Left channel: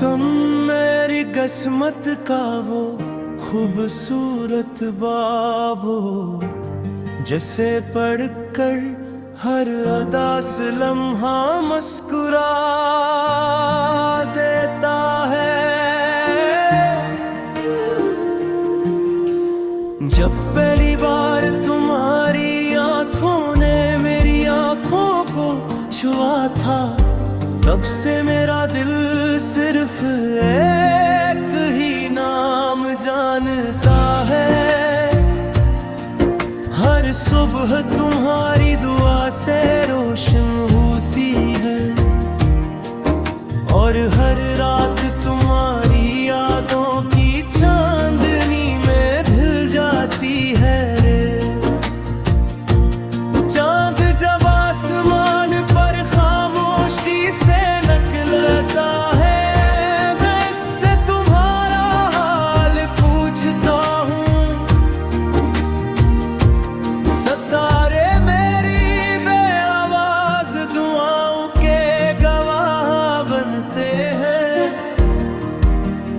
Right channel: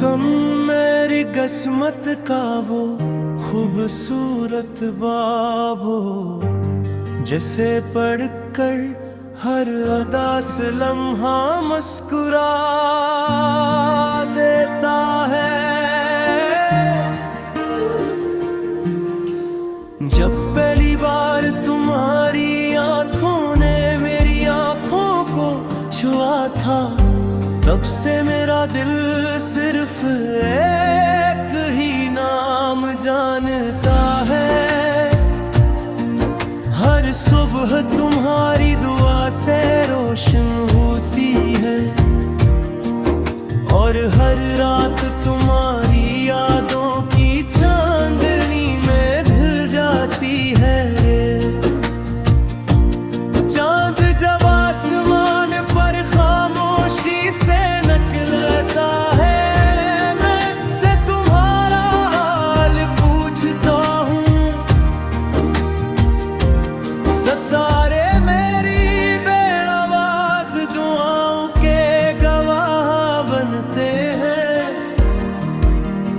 तुम मेरी किस्मत का वो खूबसूरत बाब हो, जिसे पढ़कर हर अदा से लम्हा मुस्कुरा देता है। जब पहली बार तुम्हारी आंखों ने मेरी आंखों को छुआ था, तब से मेरा दिल सिर्फ एक ही नाम जानता है। हर सुबह तुम्हारी दुआ से रोशन होती है, और हर रात तुम्हारी यादों की चांदनी में ढल जाती है रे। चांद जब आसमान पर खामोशी से निकलता है, मैं इससे तुम्हारा हाल पूछता हूँ। सितारे मेरी बेआवाज दुआओं के गवाह बनते हैं,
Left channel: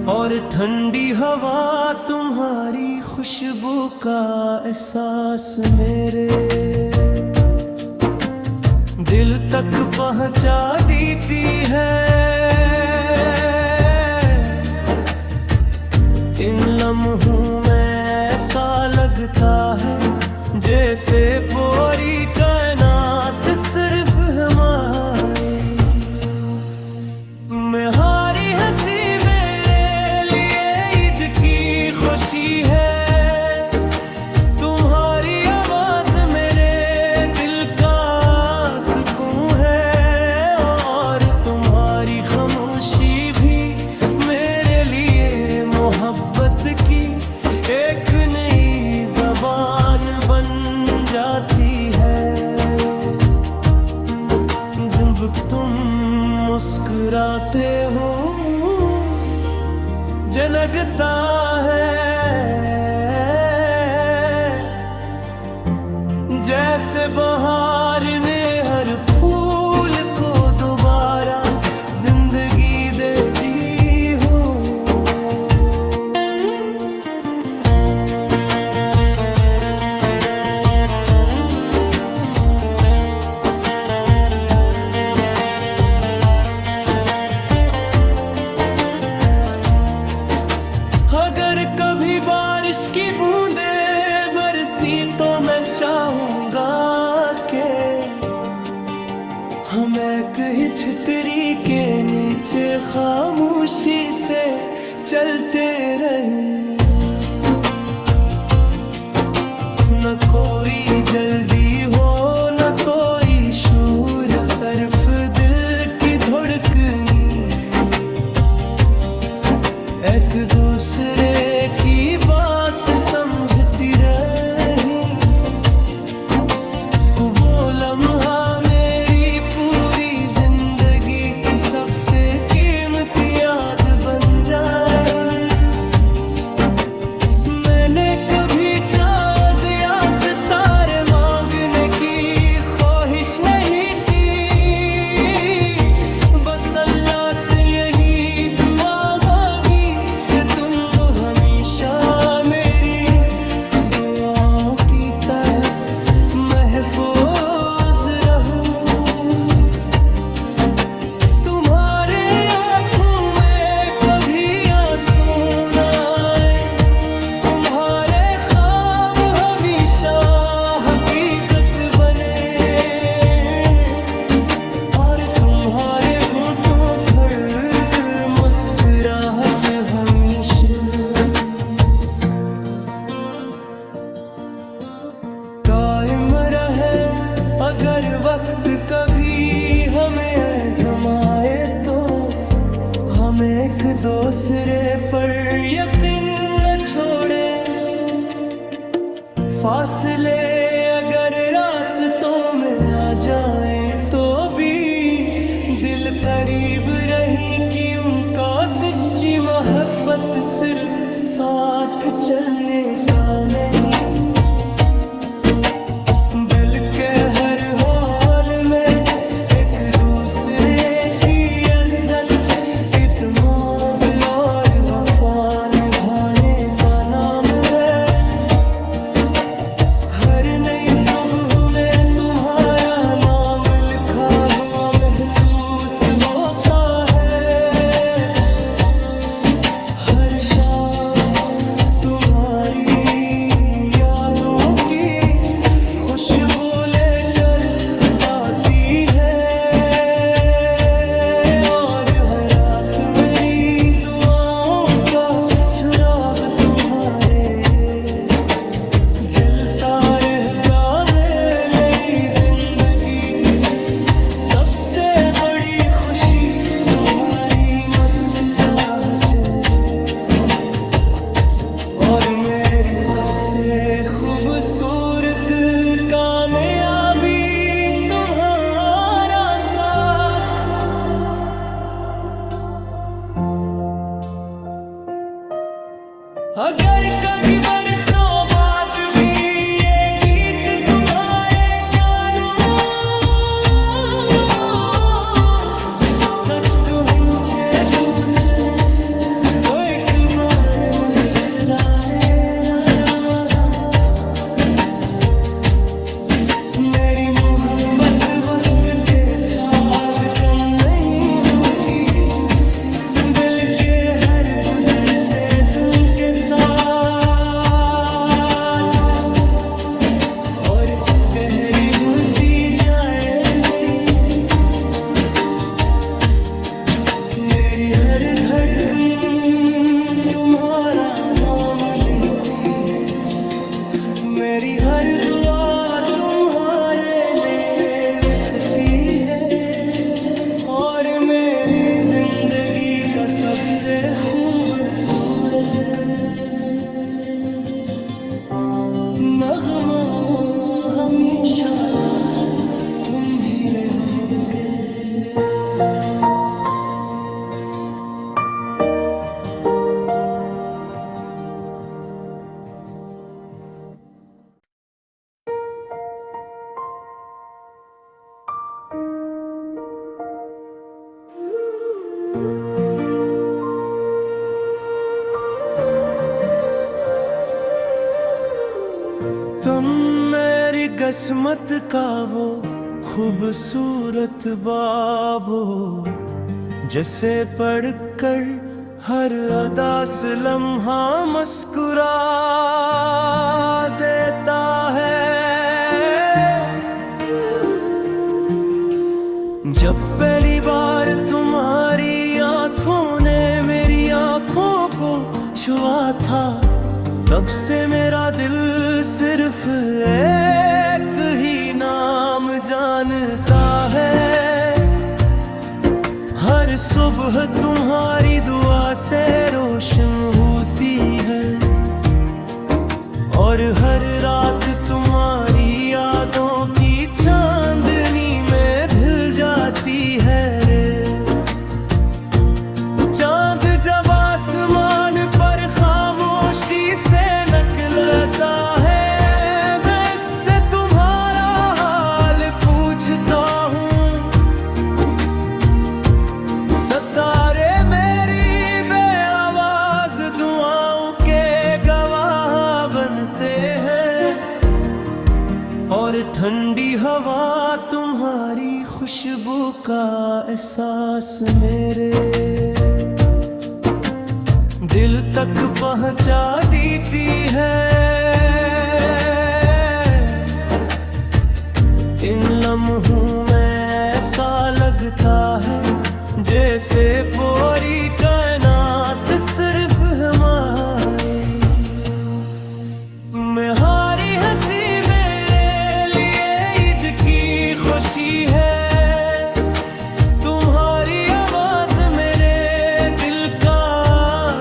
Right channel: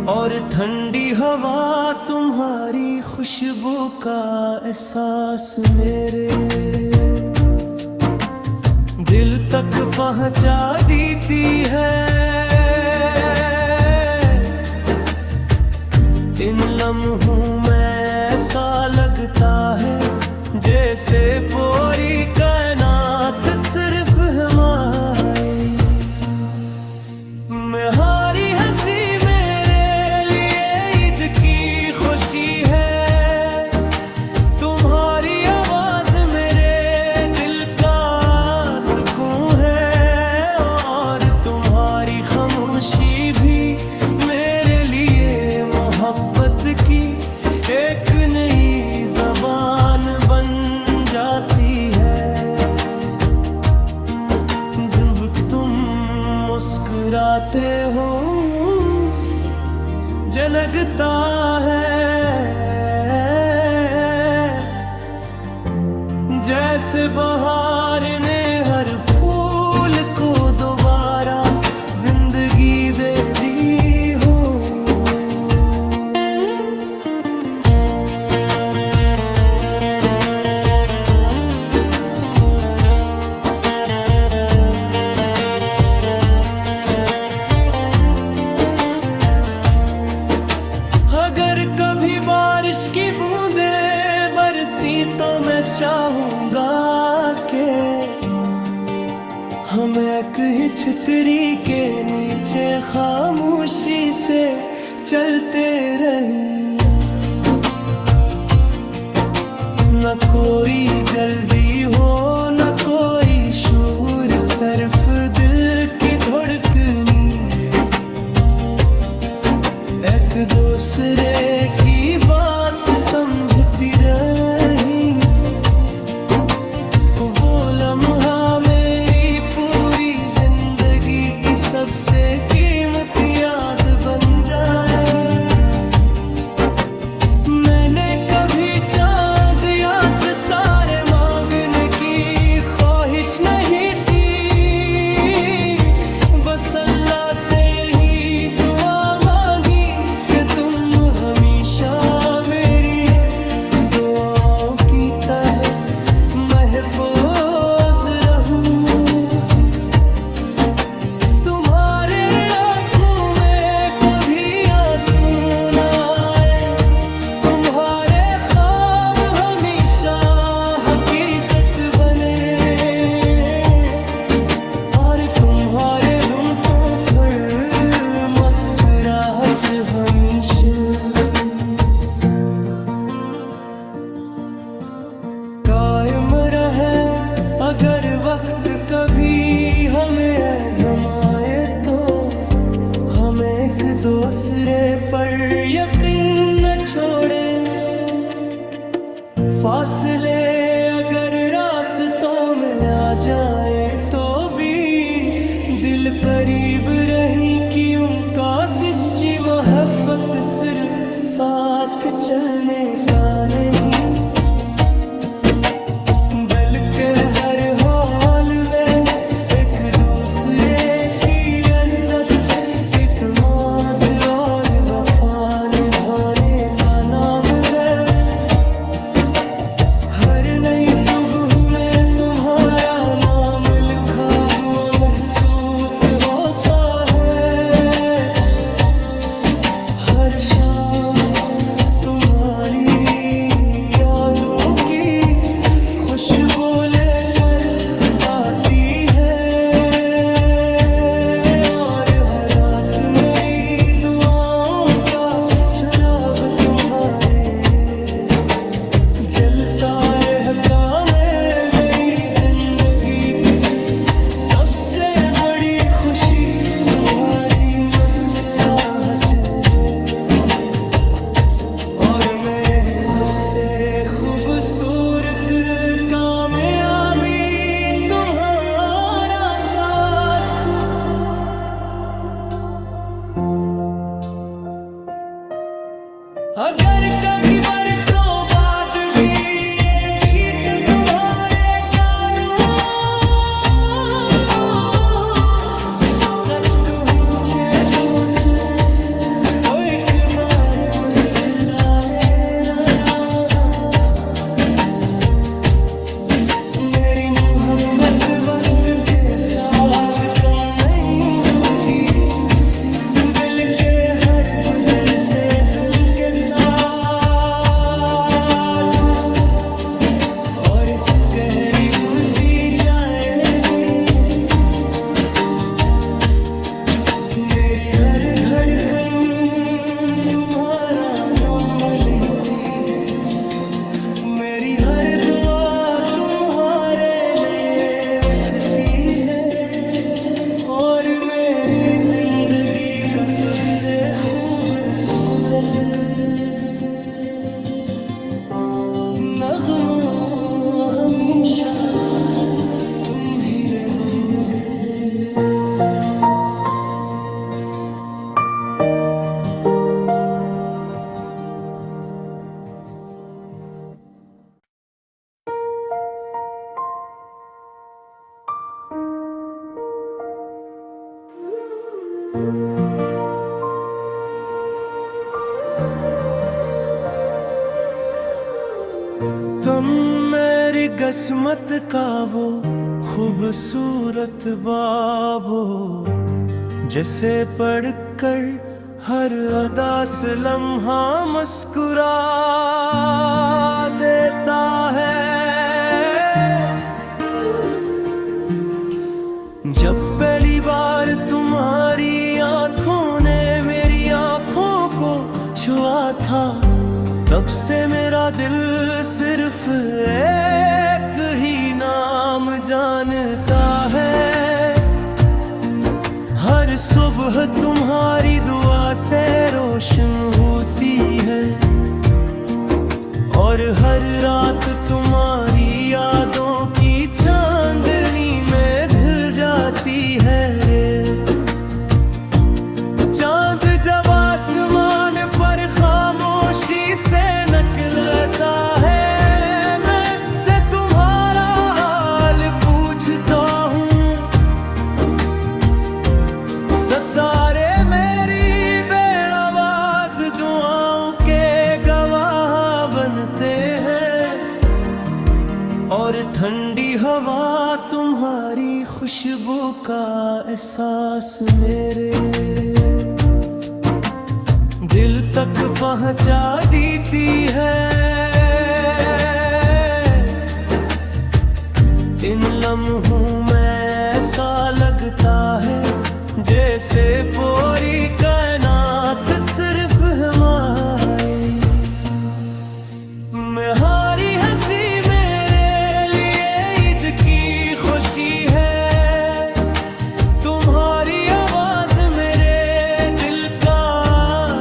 और ठंडी हवा तुम्हारी खुशबू का एहसास मेरे दिल तक पहुंचा देती है। इन लम्हों में ऐसा लगता है जैसे पूरी कायनात सिर्फ हमारी। तुम्हारी हंसी मेरे लिए ईद की खुशी है, तुम्हारी आवाज मेरे दिल का सुकून है, और तुम्हारी खामोशी भी मेरे लिए मोहब्बत की एक नई ज़बान बन जाती है। जब तुम मुस्कुराते हो जनकता है, जैसे बहार ने हर फूल को दोबारा जिंदगी दे दी हो। अगर कभी बारिश की बूंदें बरसी तो मैं चाहूंगा कि हम एक ही छतरी के नीचे खामोशी से चलते रही। न कोई जल्दी हो न कोई शोर, सिर्फ दिल की धड़कनी एक दूसरे की बात समझती रही। वो लम्हा मेरी पूरी जिंदगी की सबसे कीमती याद बन जाए। मैंने कभी चांद या सितारे मांगने की ख्वाहिश नहीं थी, बस अल्लाह से यही दुआ मांगी कि तुम हमेशा मेरी दुआओं की तरह महफूज रहूं। तुम्हारे आँखों में कभी आंसू न आए, तुम्हारे ख्वाब हमेशा हकीकत बने, और तुम्हारे होठों पर मुस्कुराहट हमेशा कायम रहे। अगर वक्त कभी हमें आज़माए तो हम एक दूसरे पर यकीन न छोड़े। फासले अगर रास्तों में आ जाए तो भी दिल करीब रही कि उनका सच्ची मोहब्बत सिर्फ साथ चलने का नहीं, बल्कि हर हाल में एक दूसरे की इज्जत इत्मीनान सुबह में तुम्हारा नाम लिखा हुआ महसूस होता है। हर शाम तुम्हारी यादों की खुशबू लेकर आती है, और हर रात मेरी दुआओं का चिराग तुम्हारे जलता रहता है। नई जिंदगी सबसे बड़ी खुशी तुम्हारी मुस्कुराहट है, और मेरी सबसे खूबसूरत कामयाबी तुम्हारा साथ। अगर कभी बरसों बाद भी ये गीत तुम्हारे कानों तक पहुंचे दूसरे, तो एक बार मुस्कुराए रहा। मेरी मोहब्बत वक्त के साथ कम नहीं होगी, बल्कि हर गुजरते दिन के साथ और गहरी होती जाएगी। मेरी हर धड़कन तुम्हारा नाम लेती है, मेरी हर दुआ तुम्हारे लिए उठती है, और मेरी जिंदगी का सबसे खूबसूरत नगमा हमेशा तुम ही रहोगे। तुम मेरी किस्मत का वो खूबसूरत बाब हो, जिसे पढ़कर हर अदा से लम्हा मुस्कुरा देता है। जब पहली बार तुम्हारी आंखों ने मेरी आंखों को छुआ था, तब से मेरा दिल सिर्फ एक ही नाम जानता है। हर सुबह तुम्हारी दुआ से रोशन होती है, और हर रात तुम्हारी यादों की चांदनी में ढल जाती है रे। चांद जब आसमान पर खामोशी से निकलता है, मैं इससे तुम्हारा हाल पूछता हूँ। सितारे मेरी बेआवाज दुआओं के गवाह बनते हैं, और ठंडी हवा तुम्हारी खुशबू का एहसास मेरे दिल तक पहुंचा देती है। इन लम्हों में ऐसा लगता है जैसे पूरी कायनात सिर्फ हमारी। मेरी हंसी मेरे लिए ईद की खुशी है, तुम्हारी आवाज मेरे दिल का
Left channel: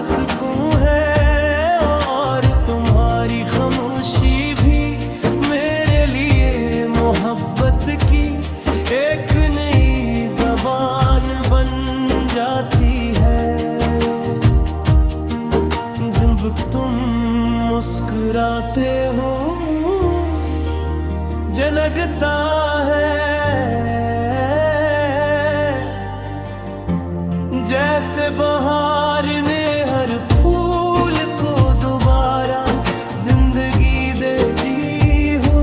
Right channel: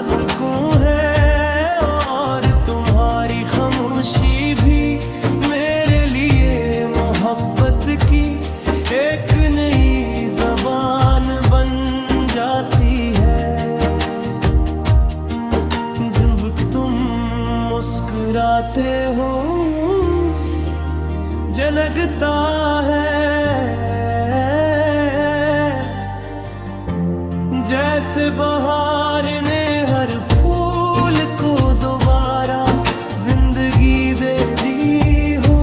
सुकून है, और तुम्हारी खामोशी भी मेरे लिए मोहब्बत की एक नई ज़बान बन जाती है। जब तुम मुस्कुराते हो जनकता है, जैसे बहार ने हर फूल को दोबारा जिंदगी दे दी हो।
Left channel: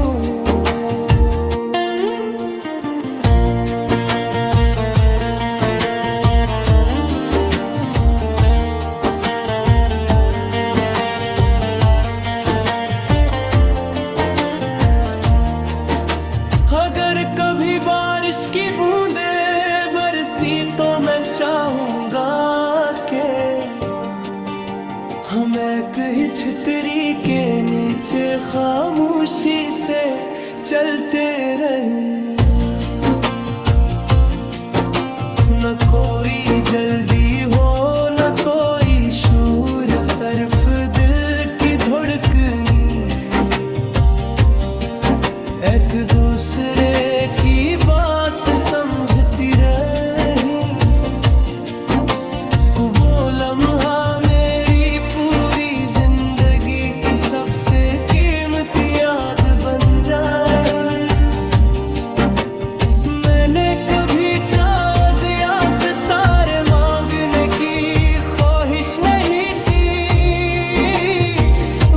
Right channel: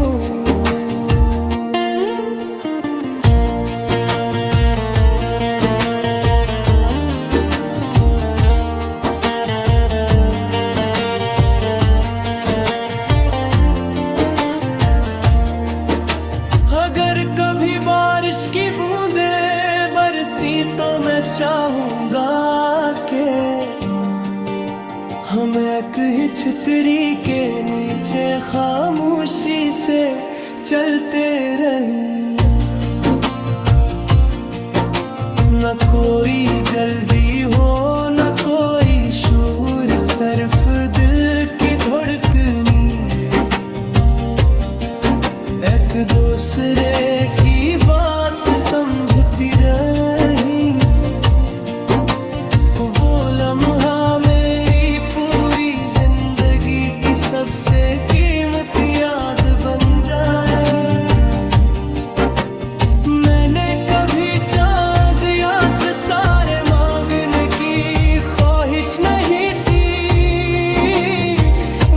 हम एक ही छतरी के नीचे खामोशी से चलते रही। न कोई जल्दी हो न कोई शूर, सिर्फ दिल की धड़कनी। एक दूसरे की बात समझती रही। वो लम्हा मेरी पूरी जिंदगी की सबसे कीमती याद बन जाए। मैंने कभी चांद या सितारे मांगने की ख्वाहिश नहीं थी,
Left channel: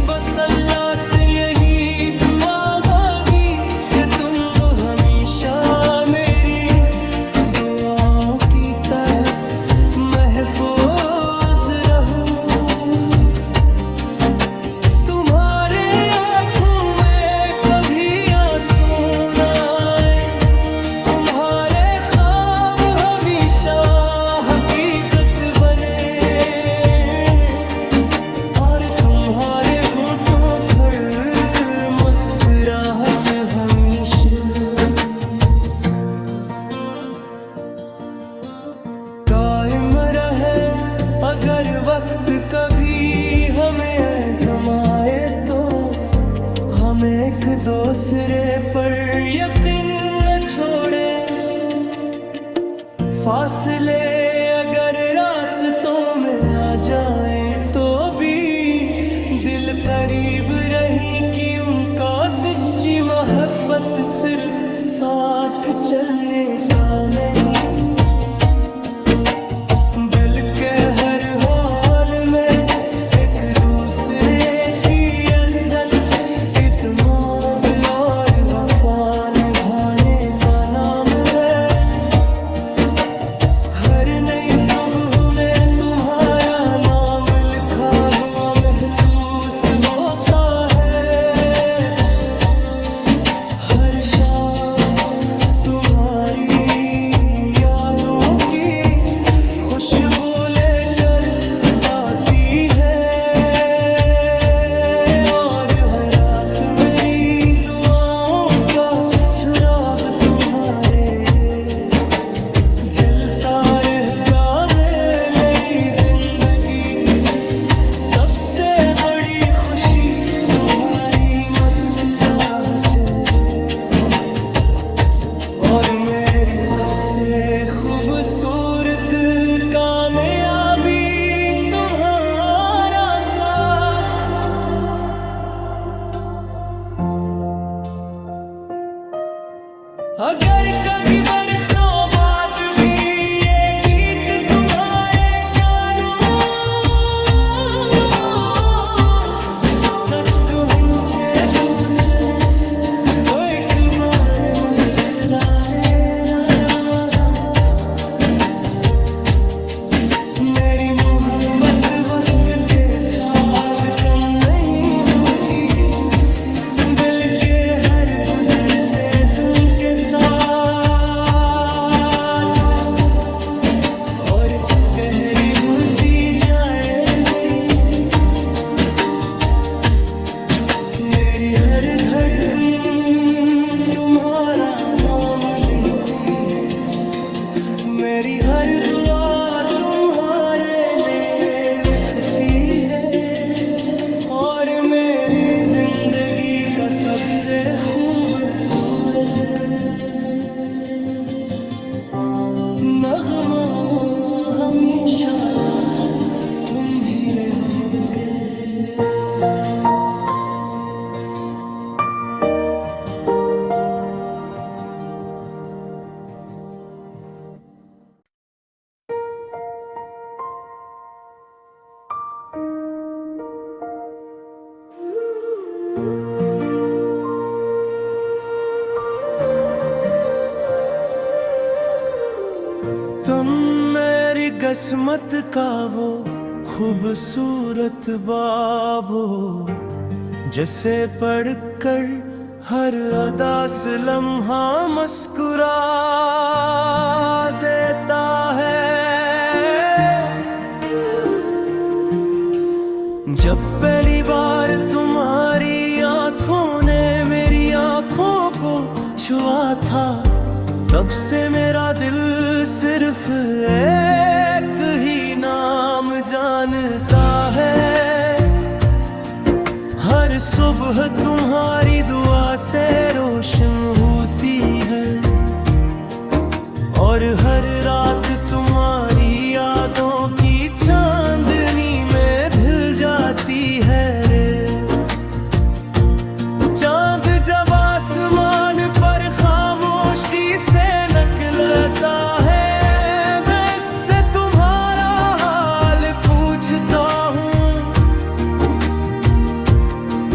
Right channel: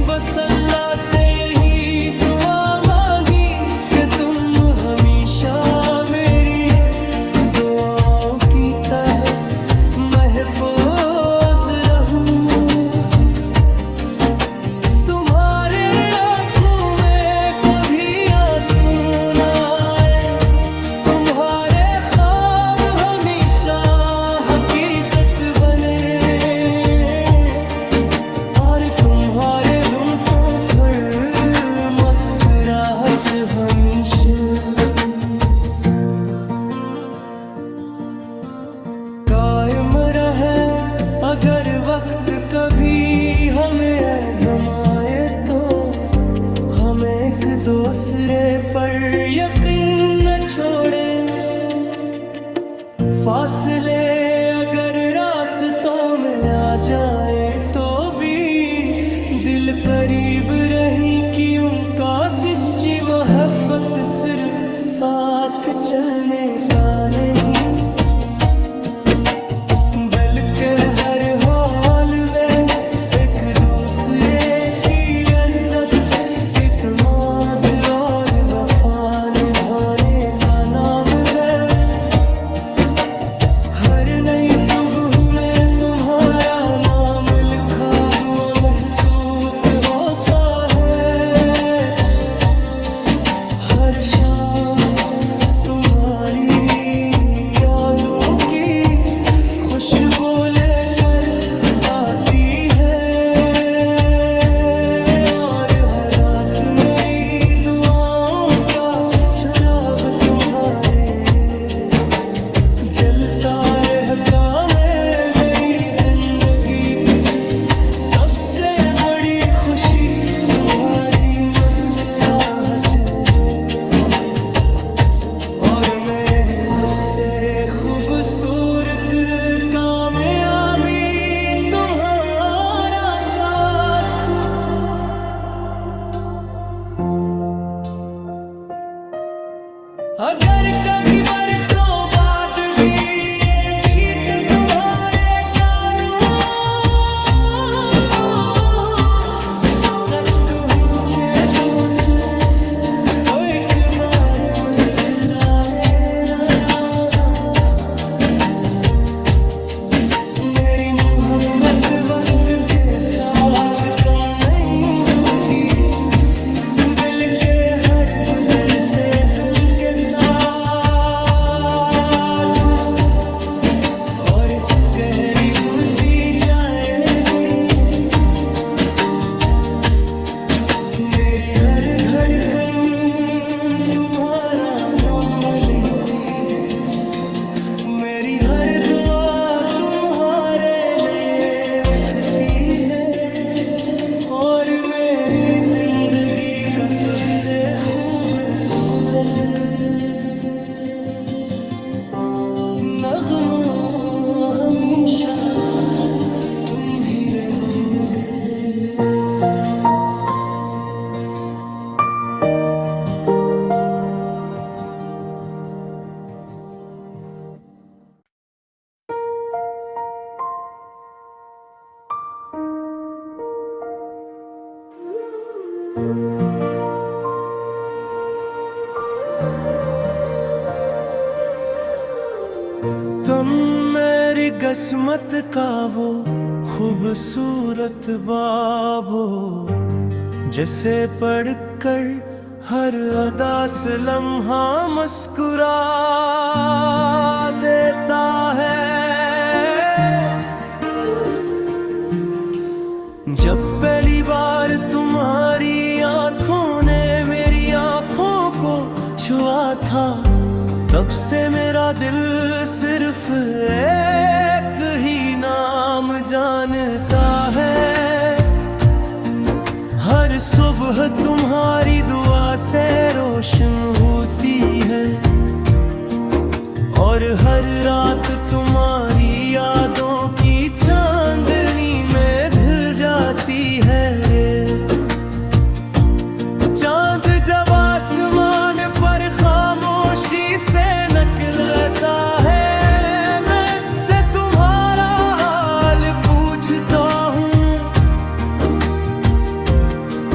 बस अल्लाह से यही दुआ मांगी कि तुम हमेशा मेरी दुआओं की तरह महफूज रहूं। तुम्हारे आँखों में कभी आंसू न आए, तुम्हारे ख्वाब हमेशा हकीकत बने, और तुम्हारे होंठों पर मुस्कुराहट हमेशा कायम रहे। अगर वक्त कभी हमें आज़माए तो हम एक दूसरे पर यकीन न छोड़े। फासले अगर रास्तों में आ जाए तो भी दिल करीब रही कि उनका सच्ची मोहब्बत सिर्फ साथ चलने का नहीं, बल्कि हर हाल में एक दूसरे की इज्जत, इत्मीनान और वफा निभाने का नाम है। हर नई सुबह में तुम्हारा नाम लिखा हुआ महसूस होता है। हर शाम तुम्हारी यादों की खुशबू लेकर आती है, और हर रात मेरी दुआओं का चिराग तुम्हारे जलता रहता है। नई जिंदगी सबसे बड़ी खुशी तुम्हारी मुस्कुराहट है, और मेरी सबसे खूबसूरत कामयाबी तुम्हारा साथ। अगर कभी बरसों बाद भी ये गीत तुम्हारे कानों तक पहुंचे दूसरे, तो एक बार मुस्कुराए रहा। मेरी मोहब्बत वक्त के साथ कम नहीं होगी, बल्कि हर गुजरते दिन के साथ और गहरी होती जाएगी। मेरी हर धड़कन तुम्हारा नाम लेती है, मेरी हर दुआ तुम्हारे लिए उठती है, और मेरी जिंदगी का सबसे खूबसूरत नगमा हमेशा तुम ही रहोगे। तुम मेरी किस्मत का वो खूबसूरत बाब हो, जिसे पढ़कर हर अदा से लम्हा मुस्कुरा देता है। जब पहली बार तुम्हारी आंखों ने मेरी आंखों को छुआ था, तब से मेरा दिल सिर्फ एक ही नाम जानता है। हर सुबह तुम्हारी दुआ से रोशन होती है, और हर रात तुम्हारी यादों की चांदनी में ढल जाती है रे। चांद जब आसमान पर खामोशी से निकलता है, मैं इससे तुम्हारा हाल पूछता हूँ।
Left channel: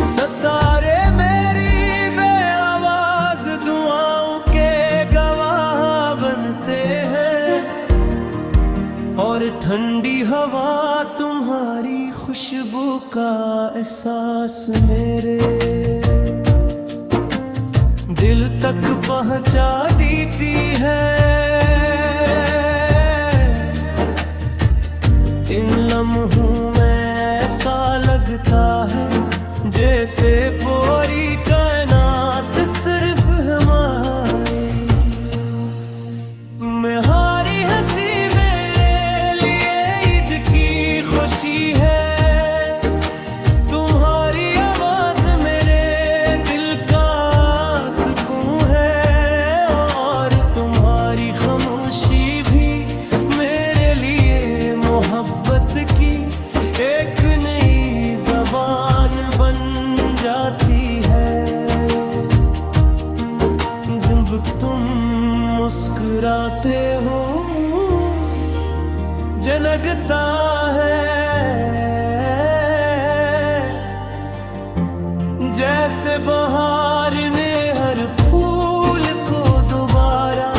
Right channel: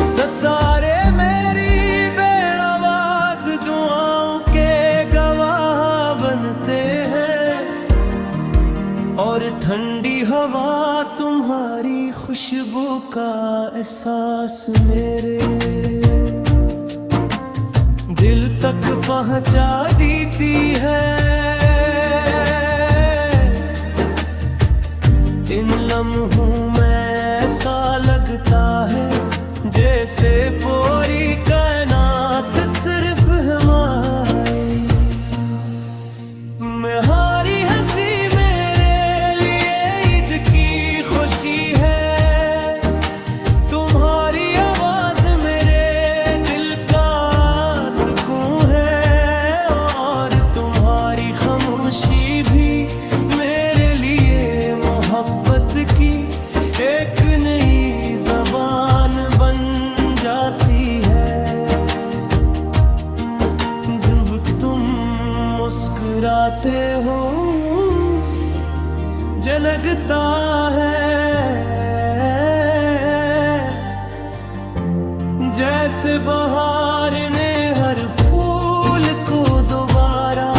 सितारे मेरी बेआवाज दुआओं के गवाह बनते हैं, और ठंडी हवा तुम्हारी खुशबू का एहसास मेरे दिल तक पहुंचा देती है। इन लम्हों में ऐसा लगता है जैसे पूरी कायनात सिर्फ हमारी। तुम्हारी हंसी मेरे लिए ईद की खुशी है, तुम्हारी आवाज मेरे दिल का सुकून है, और तुम्हारी खामोशी भी मेरे लिए मोहब्बत की एक नई ज़बान बन जाती है। जब तुम मुस्कुराते हो झलकता है, जैसे बहार ने हर फूल को दोबारा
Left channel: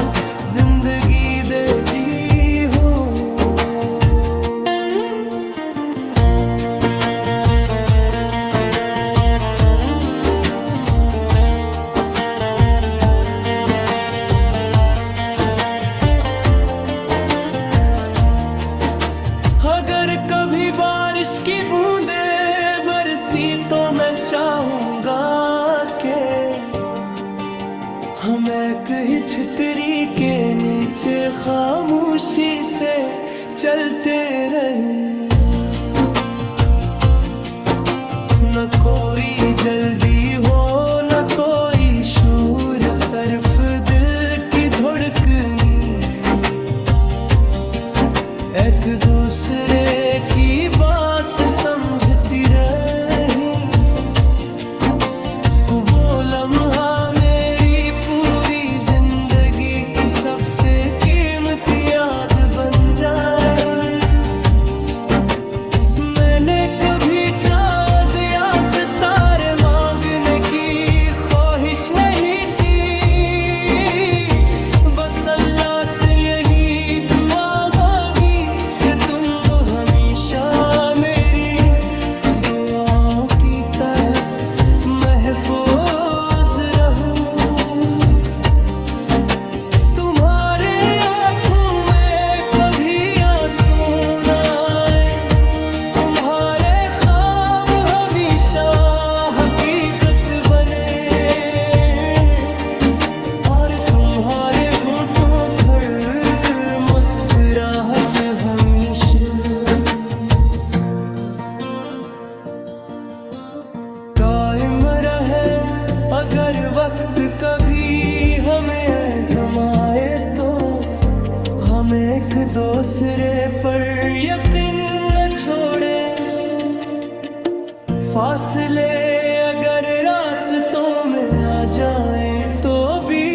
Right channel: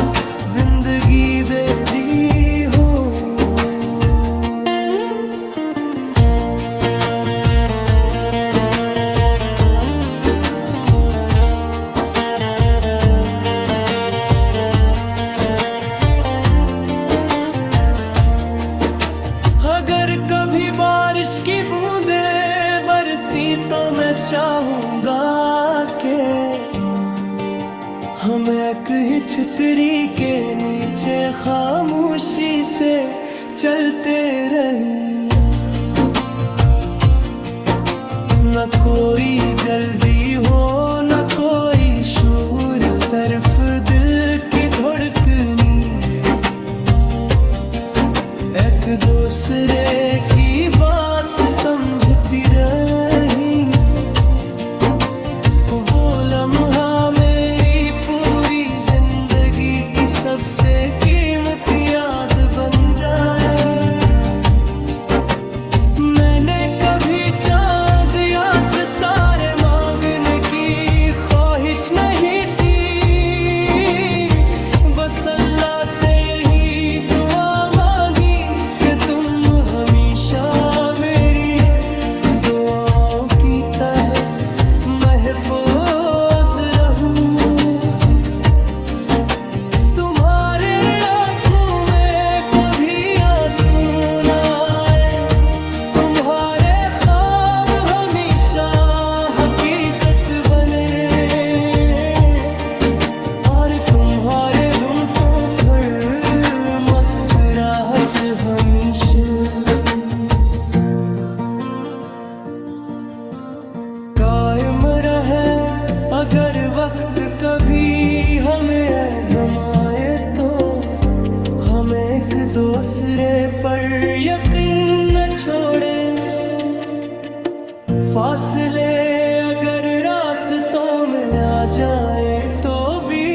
जिंदगी दे दी हो। अगर कभी बारिश की बूंदें बरसी तो मैं चाहूंगा कि हम एक ही छतरी के नीचे खामोशी से चलते रही। न कोई जल्दी हो न कोई शोर, सिर्फ दिल की धड़कनी एक दूसरे की बात समझती रही। वो लम्हा मेरी पूरी जिंदगी की सबसे कीमती याद बन जाए। मैंने कभी चांद या सितारे मांगने की ख्वाहिश नहीं थी, बस अल्लाह से यही दुआ मांगी कि तुम हमेशा मेरी दुआओं की तरह महफूज रहूं। तुम्हारे आँखों में कभी आंसू न आए, तुम्हारे ख्वाब हमेशा हकीकत बने, और तुम्हारे होंठों पर मुस्कुराहट हमेशा कायम रहे। अगर वक्त कभी हमें आज़माए तो हम एक दूसरे पर यकीन न छोड़े। फासले अगर रास्तों में आ जाए तो भी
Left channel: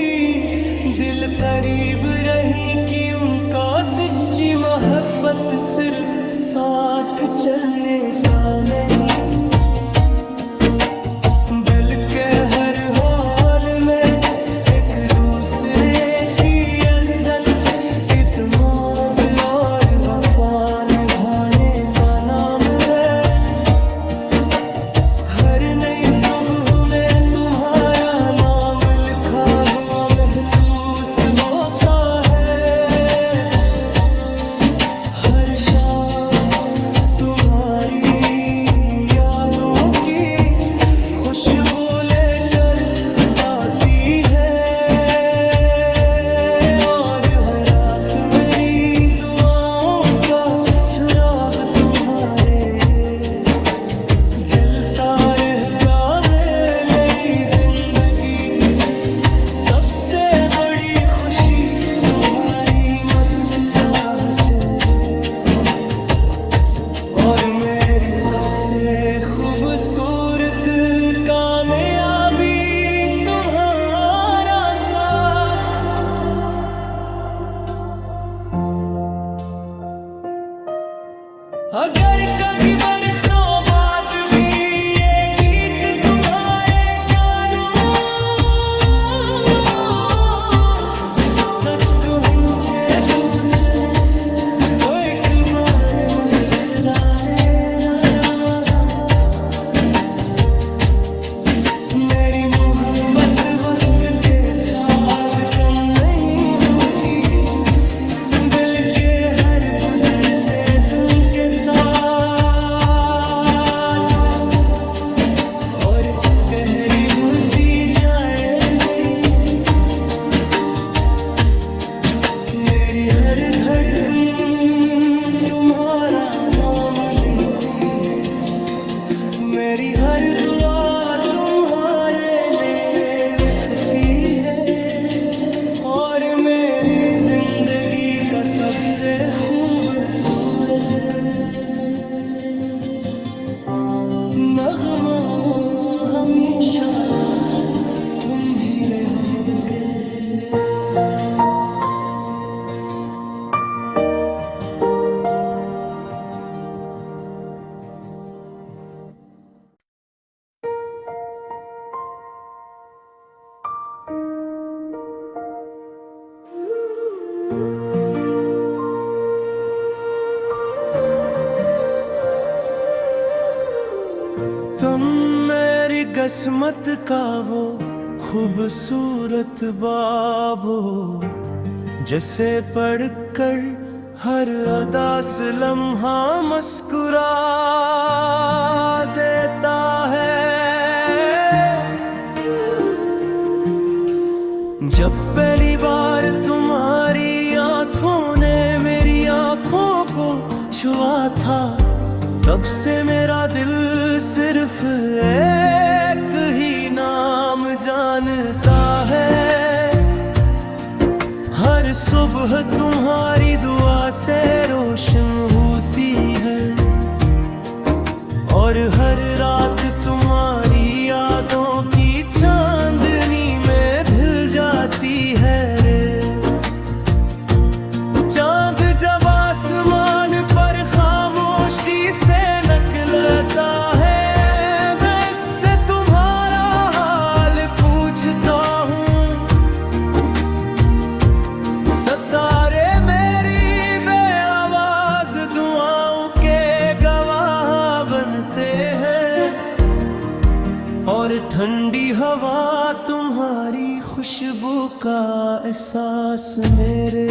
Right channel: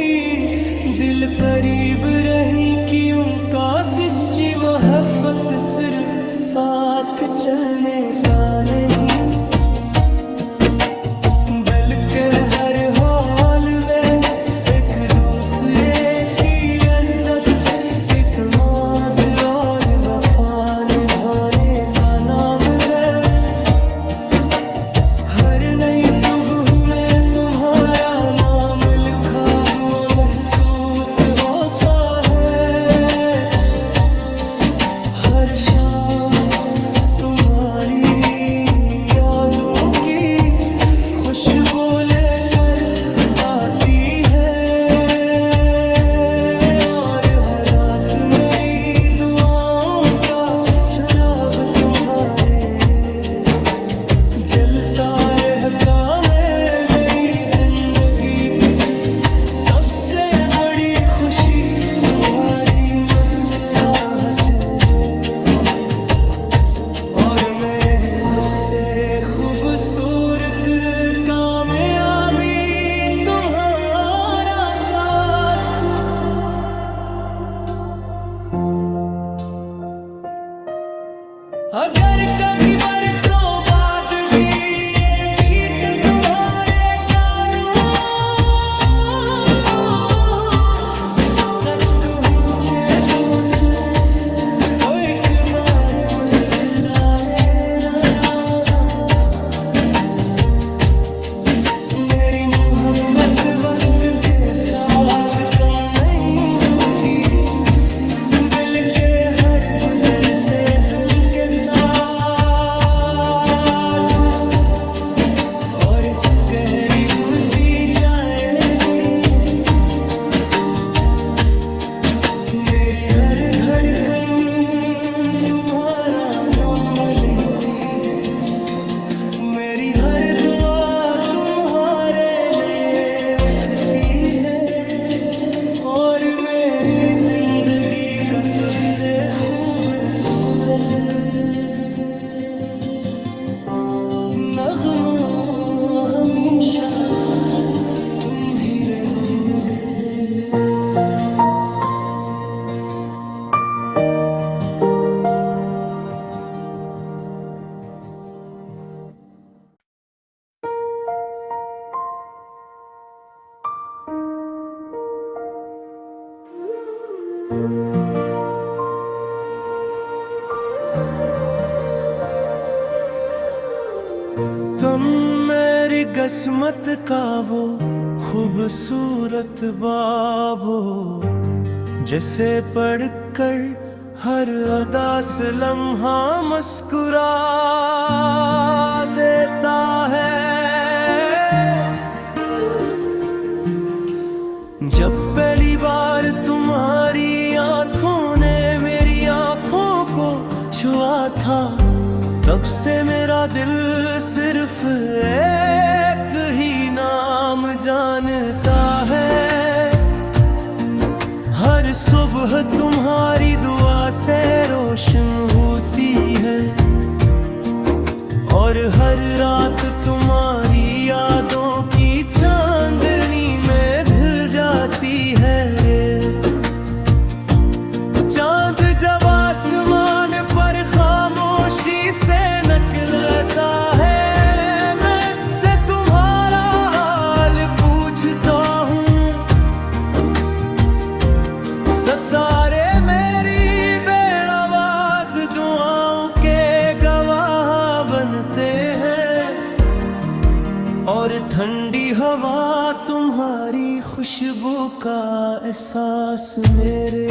दिल करीब रही कि उनका सच्ची मोहब्बत सिर्फ साथ चलने का नहीं, बल्कि हर हाल में एक दूसरे की इज्जत, इत्मीनान और वफा निभाने का नाम है। हर नई सुबह में तुम्हारा नाम लिखा हुआ महसूस होता है। हर शाम तुम्हारी खुशबू लेकर आती है, और हर रात मेरी दुआओं का चिराग तुम्हारे जलता रहता है। नई जिंदगी सबसे बड़ी खुशी तुम्हारी मुस्कुराहट है, और मेरी सबसे खूबसूरत कामयाबी तुम्हारा साथ। अगर कभी बरसों बाद भी ये गीत तुम्हारे कानों तक पहुंचे दूसरे, तो एक बार मुस्कुराए रहा। मेरी मोहब्बत वक्त के साथ कम नहीं होगी, दिल के हर गुजरते दिन के साथ, और गहरी होती जाएगी। मेरी हर धड़कन तुम्हारा नाम लेती है, मेरी हर दुआ तुम्हारे लिए उठती है, और मेरी जिंदगी का सबसे खूबसूरत नगमा हमेशा तुम ही रहोगे। तुम मेरी किस्मत का वो खूबसूरत बाब हो, जिसे पढ़कर हर अदा से लम्हा मुस्कुरा देता है। जब पहली बार तुम्हारी आंखों ने मेरी आंखों को छुआ था, तब से मेरा दिल सिर्फ एक ही नाम जानता है। हर सुबह तुम्हारी दुआ से रोशन होती है, और हर रात तुम्हारी यादों की चांदनी में ढल जाती है रे। चांद जब आसमान पर खामोशी से निकलता है, मैं इससे तुम्हारा हाल पूछता हूँ। सितारे मेरी बेआवाज दुआओं के गवाह बनते हैं, और ठंडी हवा तुम्हारी खुशबू का एहसास मेरे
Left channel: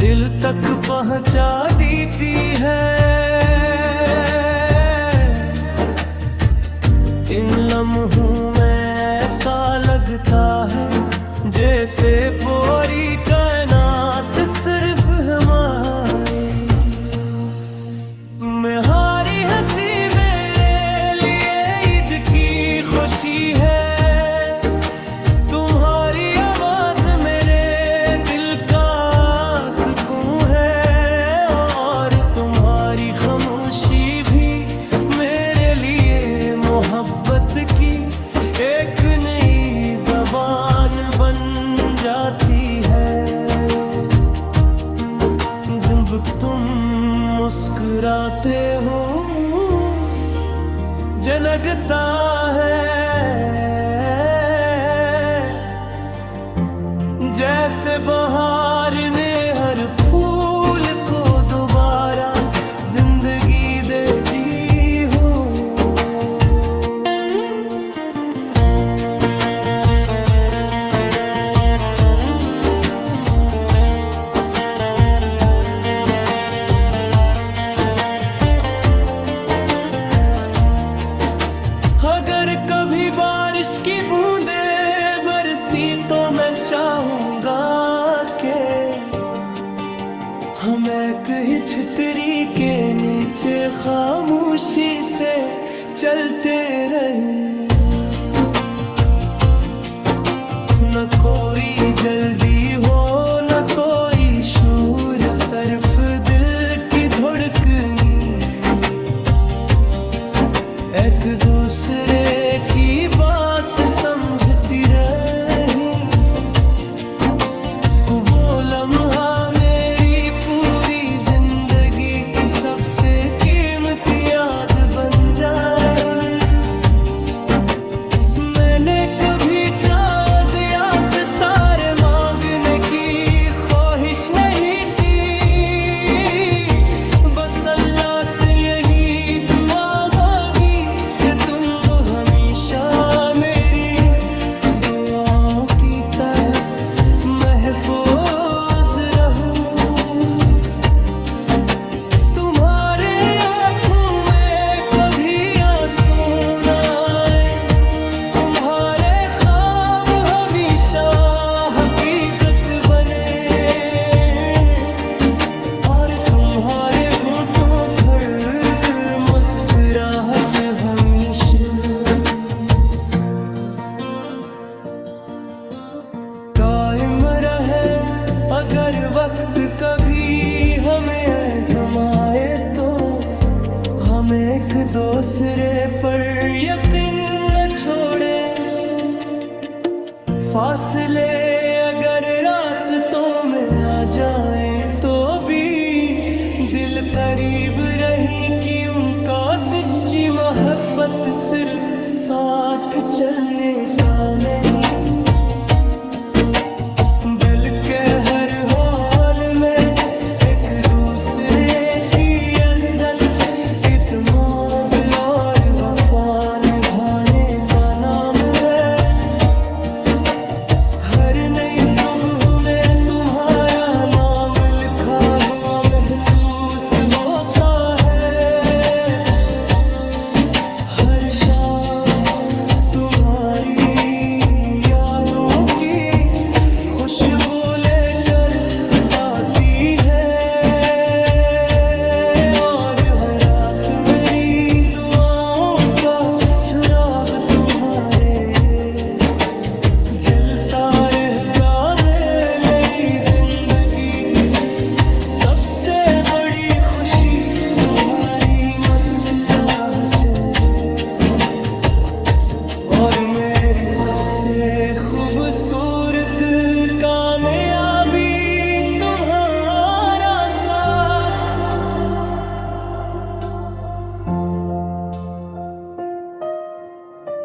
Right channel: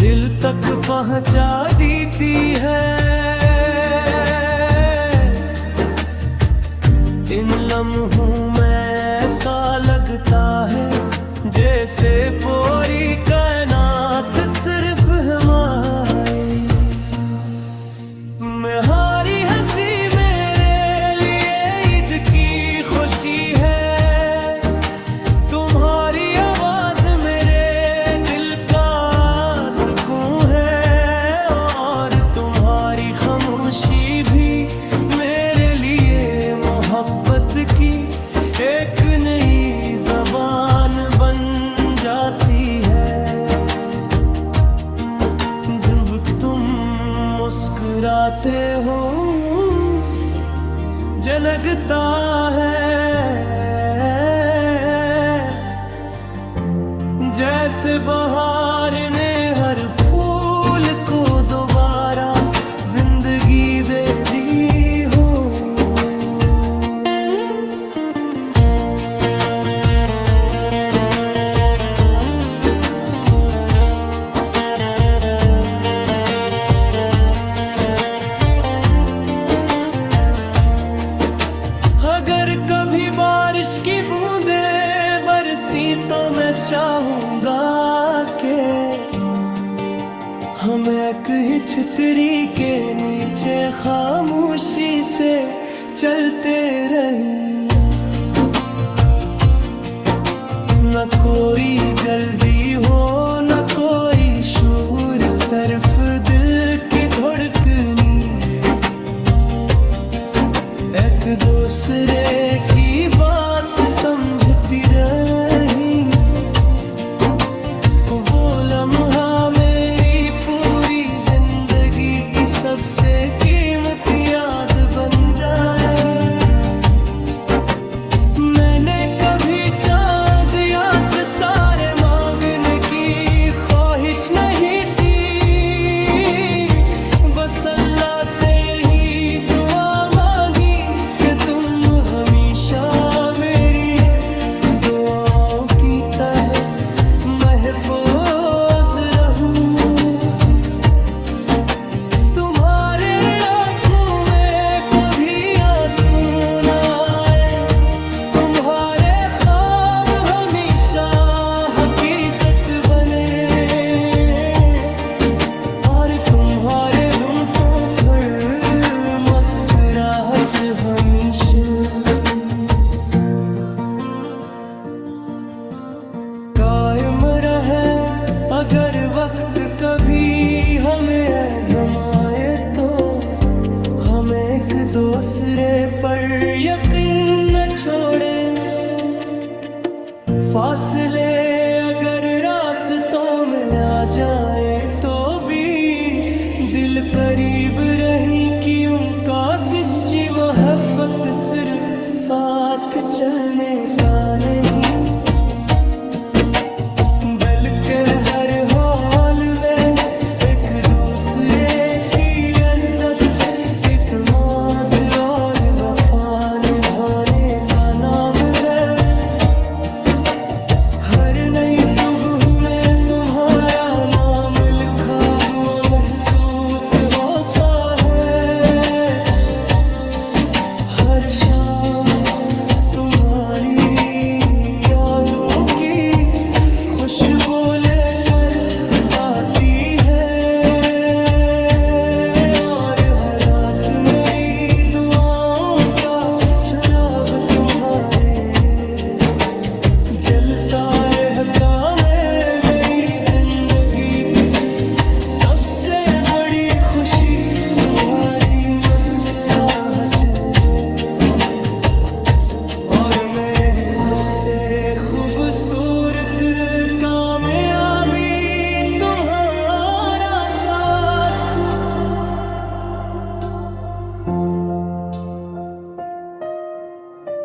दिल तक पहुंचा देती है। इन लम्हों में ऐसा लगता है जैसे पूरी कायनात सिर्फ हमारी। मेरी हंसी मेरे लिए ईद की खुशी है, तुम्हारी आवाज मेरे दिल का सुकून है, और तुम्हारी खामोशी भी मेरे लिए मोहब्बत की एक नई ज़बान बन जाती है। जब तुम मुस्कुराते हो जनकता है, जैसे बहार ने हर फूल को दोबारा जिंदगी दे दी हो। चाहूंगा कि हम एक ही छतरी के नीचे खामोशी से चलते रही। न कोई जल्दी हो न कोई शोर, सिर्फ दिल की धड़कनी, एक दूसरे की बात समझती रही। वो लम्हा मेरी पूरी जिंदगी की सबसे कीमती याद बन जाए। मैंने कभी चांद या सितारे मांगने की ख्वाहिश नहीं थी, बस अल्लाह से यही दुआ मांगी कि तुम हमेशा मेरी दुआओं की तरह महफूज रहूं। तुम्हारे आँखों में कभी आंसू न आए, तुम्हारे ख्वाब हमेशा हकीकत बने, और तुम्हारे होंठों पर मुस्कुराहट हमेशा कायम रहे। अगर वक्त कभी हमें आज़माए तो हम एक दूसरे पर यकीन न छोड़े। फासले अगर रास्तों में आ जाए तो भी दिल करीब रही कि उनका सच्ची मोहब्बत सिर्फ साथ चलने का नहीं, बल्कि हर हाल में एक दूसरे की इज्जत, इत्मीनान और वफा निभाने का नाम है। हर नई सुबह में तुम्हारा नाम लिखा हुआ महसूस होता है। हर शाम तुम्हारी यादों की खुशबू लेकर आती है, और हर रात मेरी दुआओं का चिराग तुम्हारे जलता रहता है। नई जिंदगी सबसे बड़ी खुशी तुम्हारी मुस्कुराहट है, और मेरी सबसे खूबसूरत कामयाबी तुम्हारा साथ।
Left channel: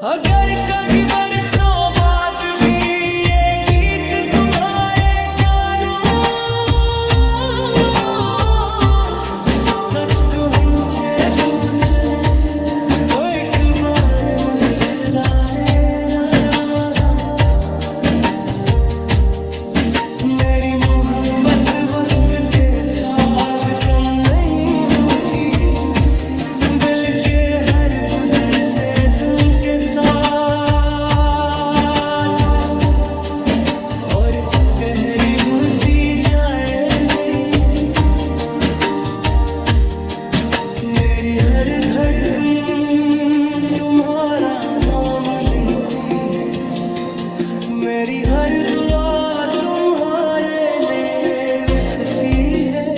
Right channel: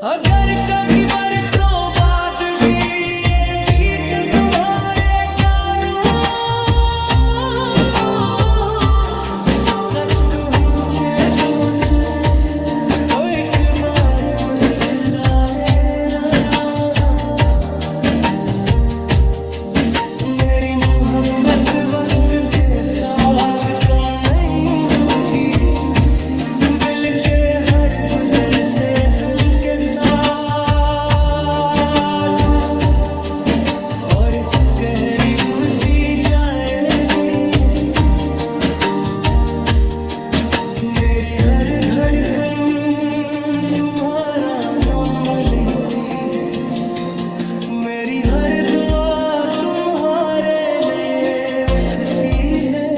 अगर कभी बरसों बाद भी ये गीत तुम्हारे कानों तक पहुंचे तो सर तो एक बार मुस्कुराए रहा। मेरी मोहब्बत वक्त के साथ कम नहीं होगी, बल्कि हर गुजरते दिन के साथ और गहरी होती जाएगी। मेरी हर धड़कन तुम्हारा नाम लेती है, मेरी हर दुआ तुम्हारे लिए उठती है,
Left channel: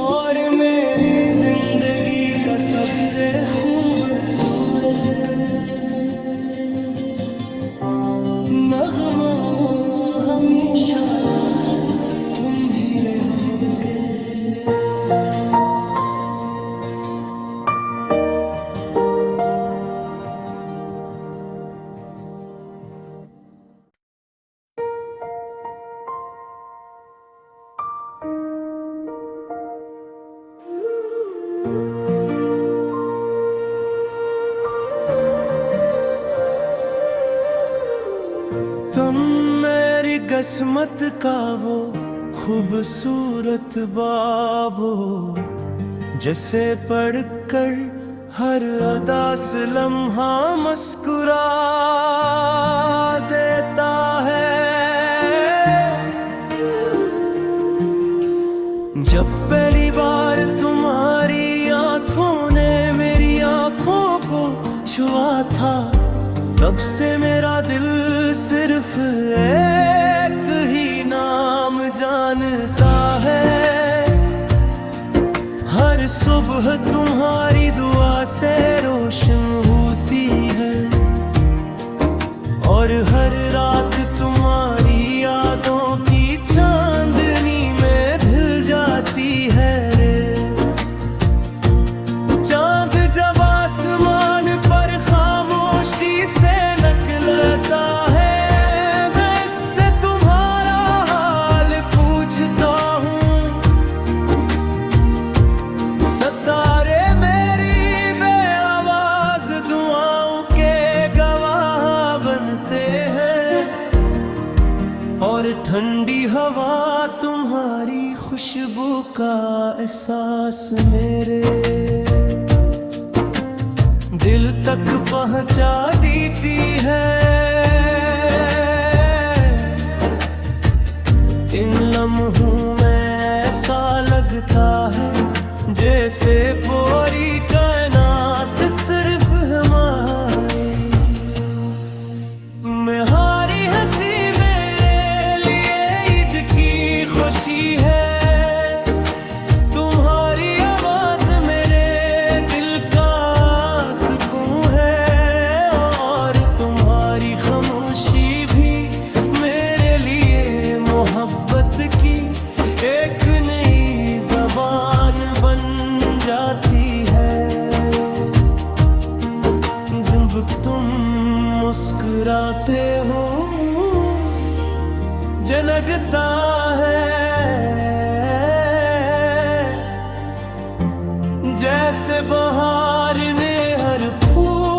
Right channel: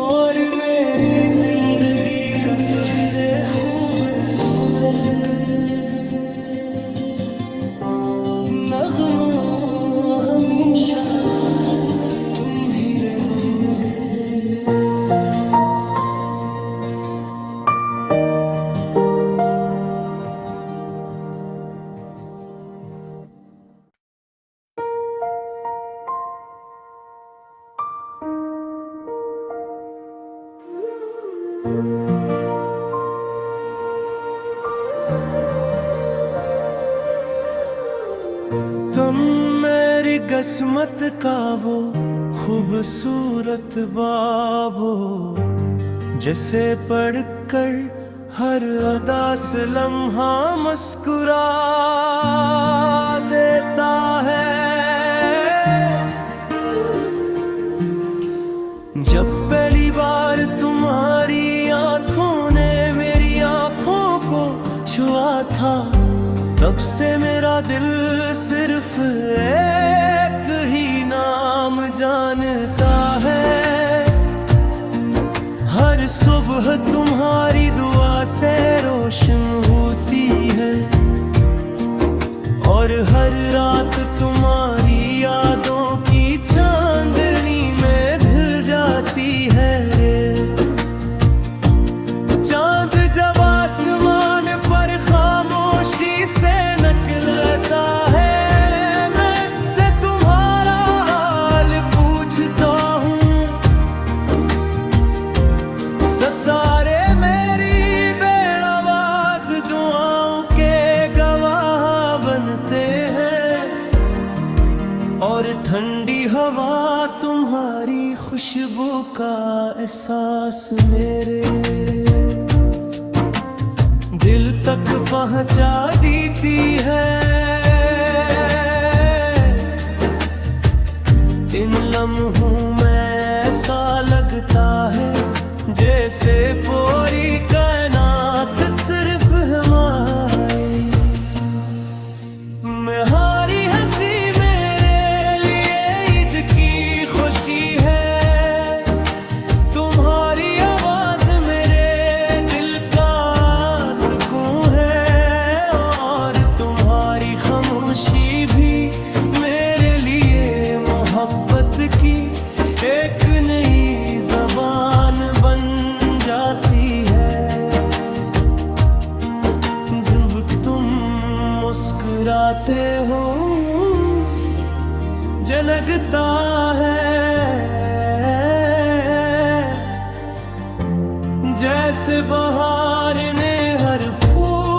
और मेरी जिंदगी का सबसे खूबसूरत नगमा हमेशा तुम ही रहोगे। तुम मेरी किस्मत का वो खूबसूरत बाब हो, जिसे पढ़कर हर अदा से लम्हा मुस्कुरा देता है। जब पहली बार तुम्हारी आंखों ने मेरी आंखों को छुआ था, तब से मेरा दिल सिर्फ एक ही नाम जानता है। हर सुबह तुम्हारी दुआ से रोशन होती है, और हर रात तुम्हारी यादों की चांदनी में ढल जाती है रे। चांद जब आसमान पर खामोशी से निकलता है, मैं इससे तुम्हारा हाल पूछता हूँ। सितारे मेरी बेआवाज दुआओं के गवाह बनते हैं, और ठंडी हवा तुम्हारी खुशबू का एहसास मेरे दिल तक पहुंचा देती है। इन लम्हों में ऐसा लगता है जैसे पूरी कायनात सिर्फ हमारी। तुम्हारी हंसी मेरे लिए ईद की खुशी है, तुम्हारी आवाज मेरे दिल का सुकून है, और तुम्हारी खामोशी भी मेरे लिए मोहब्बत की एक नई ज़बान बन जाती है। जब तुम मुस्कुराते हो जनकता है, जैसे बहार ने हर फूल